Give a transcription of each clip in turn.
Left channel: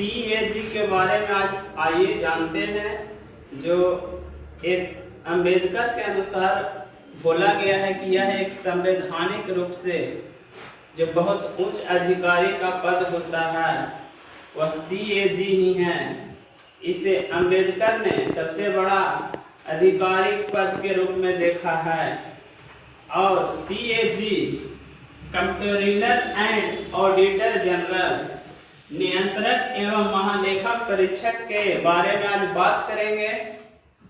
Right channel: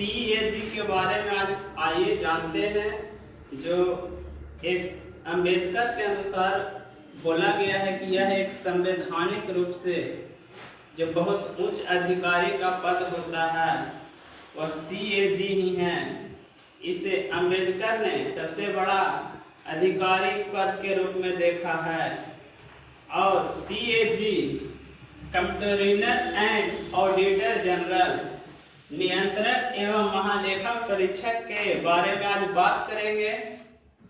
CAG के बारे में आज आइए जानते हैं। जो एक अंबेडकर के अनुसार बोला गया है कि यह एक संवैधानिक रूप से जो बहुत उच्च अधिकारी का पद होता है वह सीएजी ही है। इसे अंबेडकर ने सबसे बड़ा आधिकारिक पद के रूप में देखा है और CAG controller and auditor general नियंत्रक एवं महालेखक परीक्षक के बारे में आज बात करेंगे।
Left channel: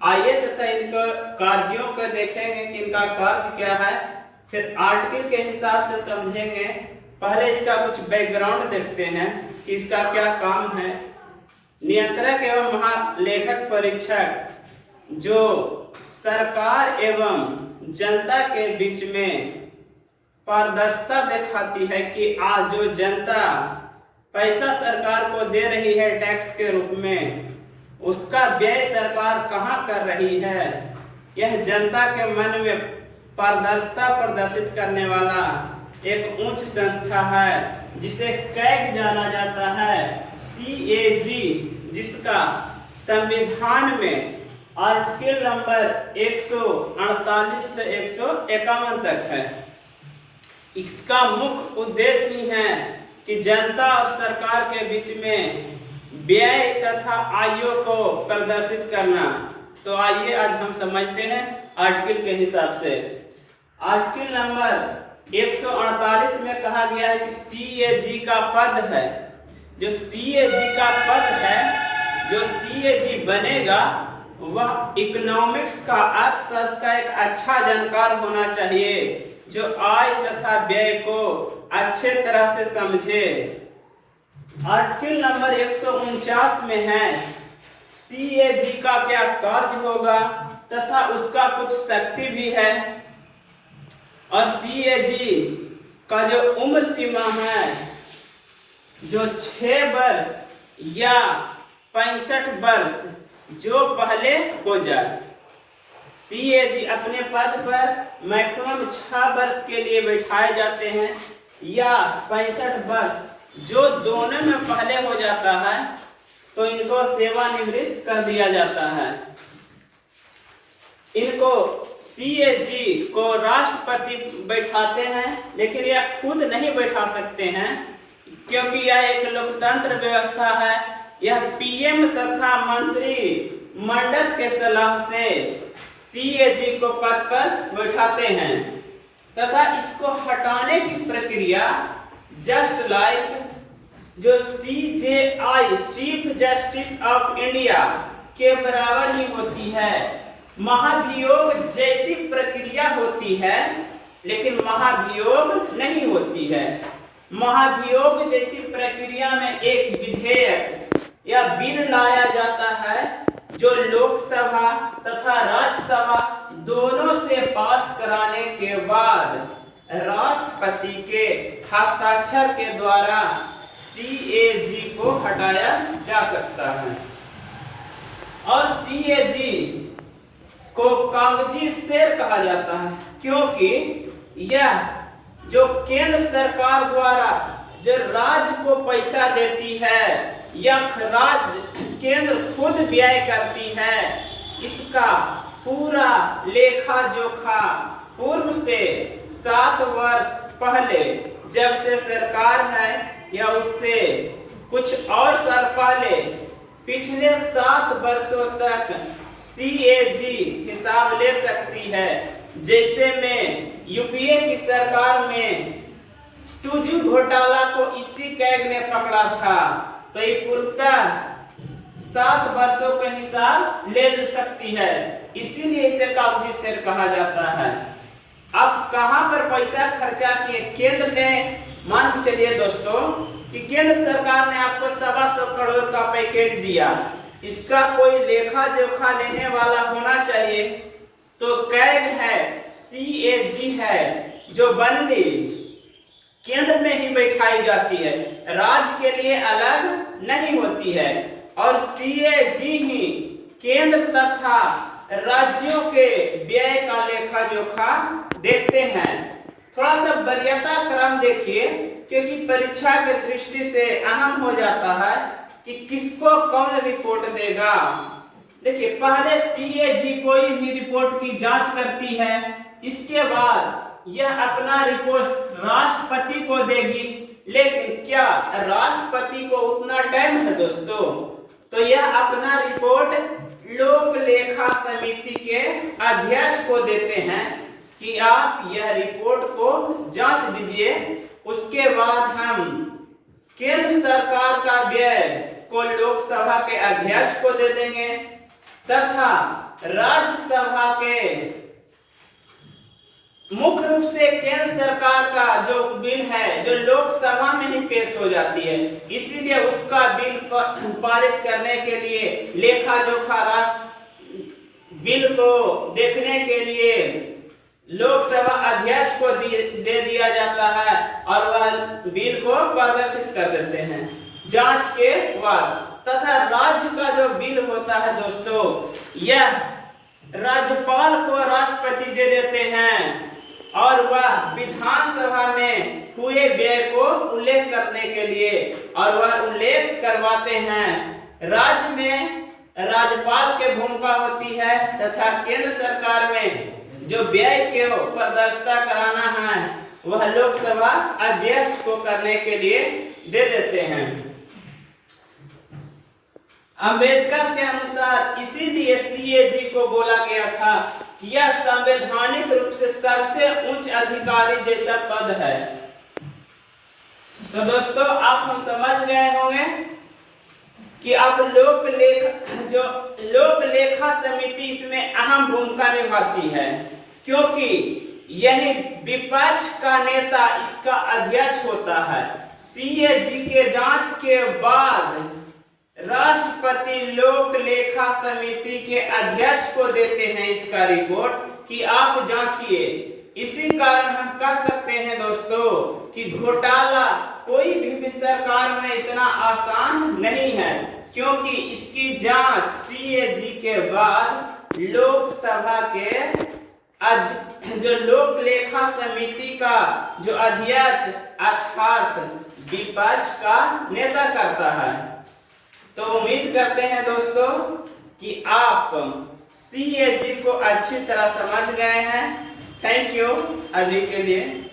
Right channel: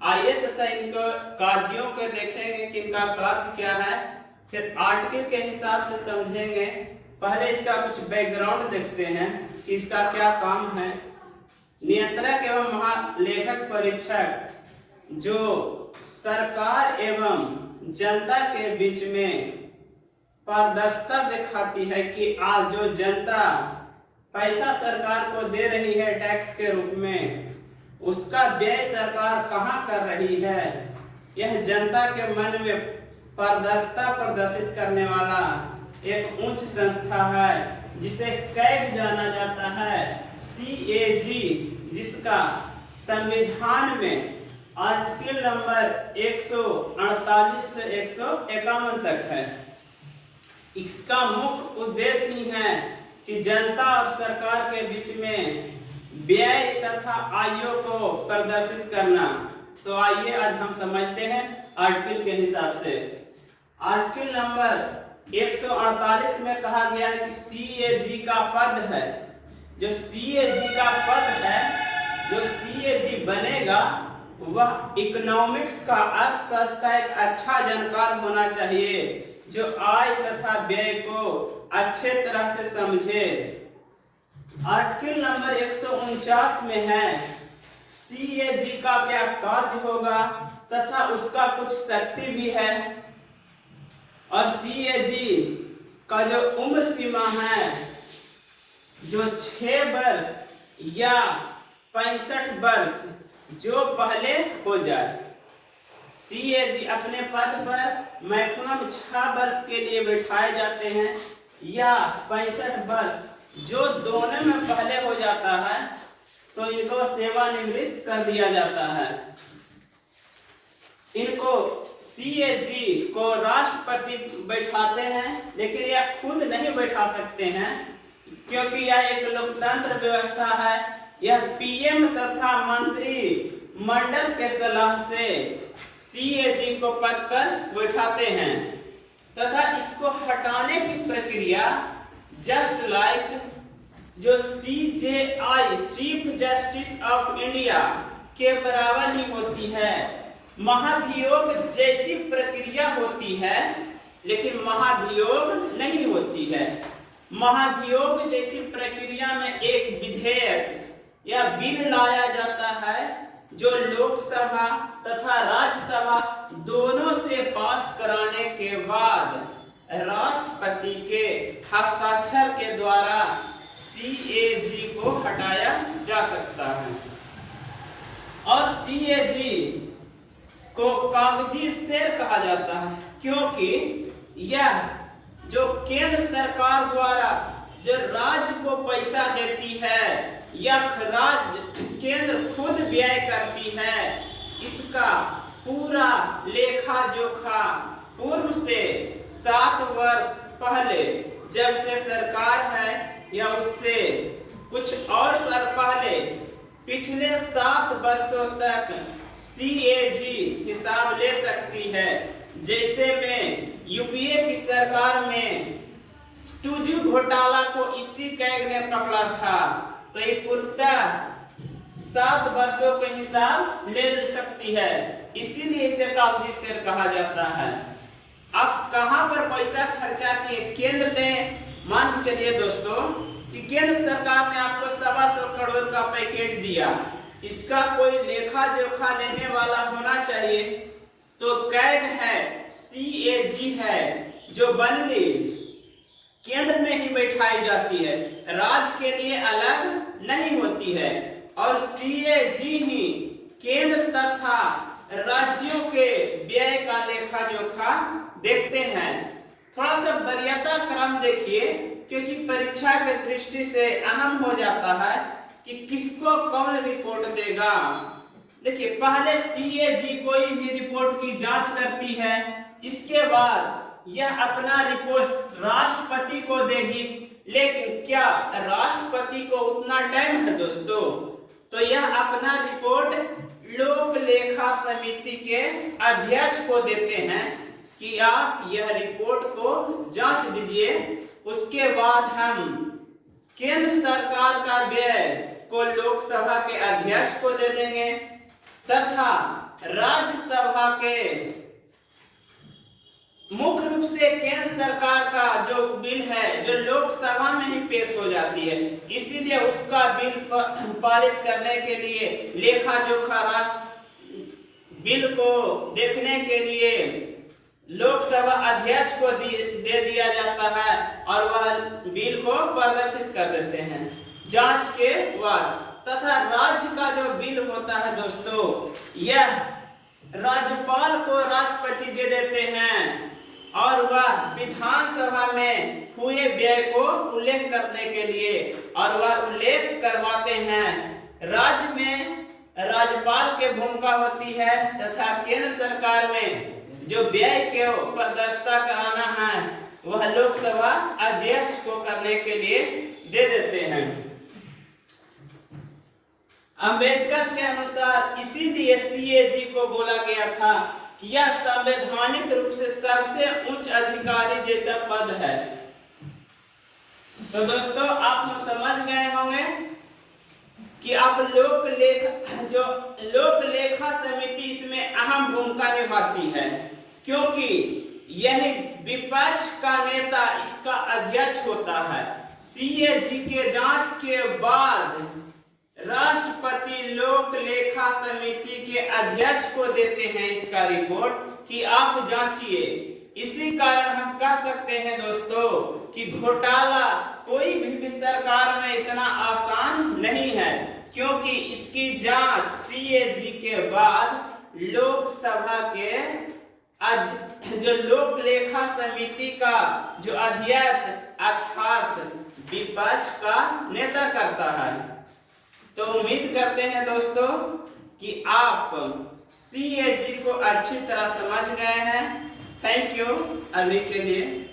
आइए तथा इनको कार्यों को देखेंगे कि इनका कार्य क्या है, फिर आर्टिकल के हिसाब से समझेंगे। पहले इसका कुछ बैकग्राउंड देखते हैं कि इसका क्या काम है। नियंत्रक एवं महालेखक परीक्षक जो सरकार एवं जनता के बीच में पारदर्शिता दिखाती है कि आज जो जनता पैसा सरकार को दे रही है टैक्स के रूप में, उसका व्यय सरकार कहाँ कर रही है, यह जनता के मन में पारदर्शिता प्रदर्शित करने वाला एक उच्च संस्था है जिसे कैग जाना जाता है। सीएजी जिसका संविधान में आर्टिकल नंबर 148 से 151 तक है। इसका मुख्य उद्देश्य ही है कि जनता और सरकार के बीच में व्यय तथा आयों को प्रदर्शित करना। तो आइए आज हम समझते हैं आर्टिकल के हिसाब से। आर्टिकल नंबर 148 में कहा गया है कि सीएजी का पद है, जो सीएजी का पद है, जो सीएजी बनेगा वह इकोनॉमिक्स का अर्थशास्त्र का एक अच्छा जानकार होना चाहिए जो आय तथा व्यय को अच्छे तरह से समझे। आर्टिकल नंबर 149 में है सीएजी का क्या कार्य होगा तथा उसका कुछ शक्ति भी है। और सीएजी का जो उम्र सीमा है जो 6 वर्ष या 65 वर्ष जो पहले हो जाए। सीएजी अपने पद पर मैक्सिमम 6 वर्ष के लिए बैठाए जाते हैं या 65 वर्ष, जो दोनों में पहले हो जाता है तो इनको सेवानिवृत्त कर दिया जाता है। इनको सीएजी को राष्ट्रपति बैठाते हैं, लेकिन यह खुद नहीं बैठा सकते हैं क्योंकि यह एक लोकतंत्र व्यवस्था है। यह पीएम तथा मंत्री मंडल के सलाह से सीएजी को पद पर बैठाते हैं तथा इसको हटाने की प्रक्रिया जस्ट लाइक जो CJI chief justice of India के बराबर ही होती है। महाभियोग जैसी प्रक्रिया होती है लेकिन महाभियोग नहीं होती है। महाभियोग जैसी प्रक्रिया में एक विधेयक या बिल लाया जाता है जो लोकसभा तथा राज्यसभा दोनों से पास कराने के बाद राष्ट्रपति के हस्ताक्षर के द्वारा सीएजी को हटाया जा सकता है। और सीएजी को कागजी शेर कहा जाता है क्योंकि यह जो केंद्र सरकार द्वारा जो राज्य को पैसा देती है या राज्य केंद्र खुद व्यय करती है, इसका पूरा लेखा जोखा पूर्व से 7 वर्ष पहले जब से सरकार है या उससे कुछ और साल पहले पिछले 7 वर्षों तक सीएजी हिसाब ले सकती है। जैसे में यूपीए की सरकार में 2G घोटाला को इसी कैग ने पकड़ा था, तो ये पूर्णतः 7 वर्षों के हिसाब ले सकती है, इसीलिए इसे कागजी शेर कहा जाता है। अब कहां पर पैसा खर्चा किए केंद्र ने, मान के चलिए दोस्तों कि केंद्र सरकार ने आपको 125 करोड़ का पैकेज दिया, इसका कोई लेखा जोखा लेने वाला होना चाहिए। तो कैग है, सीएजी है जो बनने केंद्र में ही बैठाई जाती है, राज्य के लिए अलग नहीं होती है। और सीएजी ही केंद्र तथा राज्यों के व्यय का लेखा जोखा देखते हैं। थोड़ा सा वरीयता क्रम देखिए क्योंकि परीक्षा के दृष्टि से अहम हो जाता है कि किसको कौन रिपोर्ट देगा। देखिए, पहले सीएजी कोई भी रिपोर्ट की जांच करती है, इसके बाद यह अपना रिपोर्ट राष्ट्रपति को देगी। लेकिन क्या राष्ट्रपति को उतना टाइम है दोस्तों? तो यह अपना रिपोर्ट लोक लेखा समिति के अध्यक्ष को देते हैं कि आप यह रिपोर्ट को जांच दीजिए। उसके बाद हम केंद्र सरकार का व्यय को लोकसभा के अध्यक्ष को दे देंगे तथा राज्यसभा के मुख्य रूप से केंद्र सरकार का जो बिल है जो लोकसभा में ही पेश हो जाती है, इसीलिए उसका बिल पारित करने के लिए लेखा जोखा बिल को देखने के लिए लोकसभा अध्यक्ष को दे दिया जाता है और वह बिल को प्रदर्शित कर देते हैं जांच के बाद। तथा राज्य का जो बिल होता है दोस्तों, यह राज्यपाल को राष्ट्रपति दे देते हैं और वह विधानसभा में हुए व्यय को उल्लेख करने के लिए और वह उल्लेख करवाते हैं। राज्य में राज्यपाल की भूमिका होती है तथा केंद्र सरकार में जो व्यय को प्रदर्शित कराना है वह लोकसभा अध्यक्ष को करने के लिए दे देते हैं। अंबेडकर के अनुसार इसीलिए सीएजी को बोला गया था कि यह संवैधानिक रूप से सबसे उच्च अधिकारी जैसा पद है। तो दोस्तों, आप हम समझ गए होंगे कि अब लोक लेखा समिति इसमें अहम भूमिका निभाती है, क्योंकि यही विपक्ष का नेता इसका अध्यक्ष होता है। सीएजी के जांच के बाद राष्ट्रपति लोक लेखा समिति के अध्यक्ष को देते हैं इसका रिपोर्ट कि आप जांचिए। इसी कारण हम कह सकते हैं दोस्तों कि घोटाला कोई भी सरकार में इतना आसान नहीं है, क्योंकि इसकी जांच सीएजी के बाद लोकसभा के जो लोक लेखा समिति का जो अध्यक्ष अर्थात विपक्ष का नेता करता है। तो उम्मीद करते हैं दोस्तों कि आप सीएजी को अच्छी तरह समझ गए हैं। थैंक यू अभी के लिए।